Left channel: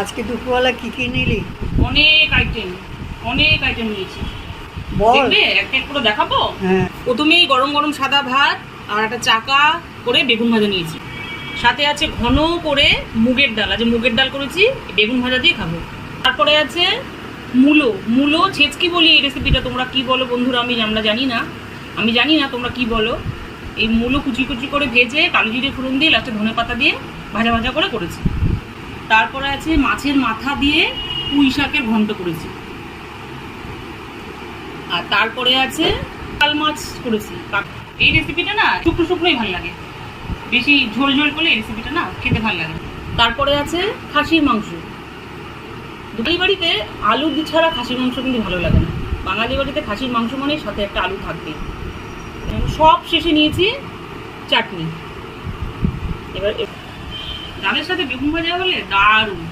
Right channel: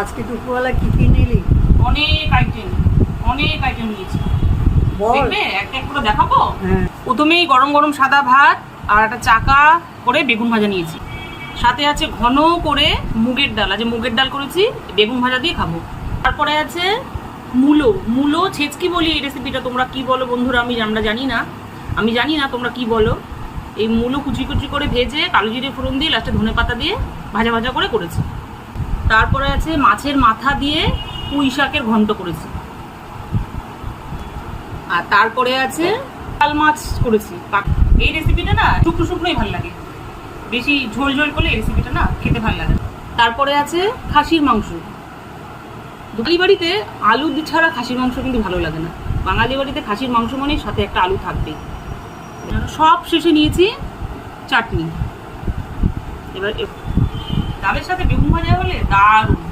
আজকে দুপুরবেলা কি কি নিলি? অনেক আইটেম নিয়েছি। বল। দেখবে একটা এক করে দেখাবো। হ্যাঁ। প্রথমেই গরম গরম সাদা ভাত আর একটা চাকা করে বেগুন ভাজা নিয়েছি। সাথে আছে ঘন করে মুগের ডাল, আজ মুগের ডাল করেছি, বেগুন ভাজা দিয়ে খাবো। তারপরে আছে মূলো ছেচকি বলি এই রেসিপিটা, তোমরা কি বলো বন্ধুরা আমরা জানি না তোমরা কি বলো। এই মূলো কুচি কুচি করে ভেজে কালো জিরে ফোড়ন দিয়ে লাস্টে ধনেপাতা দিয়ে ভাজা ভাজা করে করেছি। তারপরে আছে মাছের মাথা দিয়ে পুঁই শাকের ঘন্ট করেছি। আর তারপরে আছে কাল মাছ করেছি। এই রেসিপিটা না শুকনো শুকনোই ভালো লাগে, বেশি ঝোল ঝোল করলে এই রেসিপিটা না খেতে ভালো লাগে। তারপরে আছে খাসির মাংস। বাঙালি বাড়িতে আলু ছাড়া খাসির মাংস কিন্তু ভালো লাগে না। বাঙালি বাড়িতে খাসির মাংস মানে সাথে একটা আলু থাকবেই। সব শেষে নিয়েছি চাটনি। এবার ডালের সাথে বেগুন ভাজা হলে দারুণ।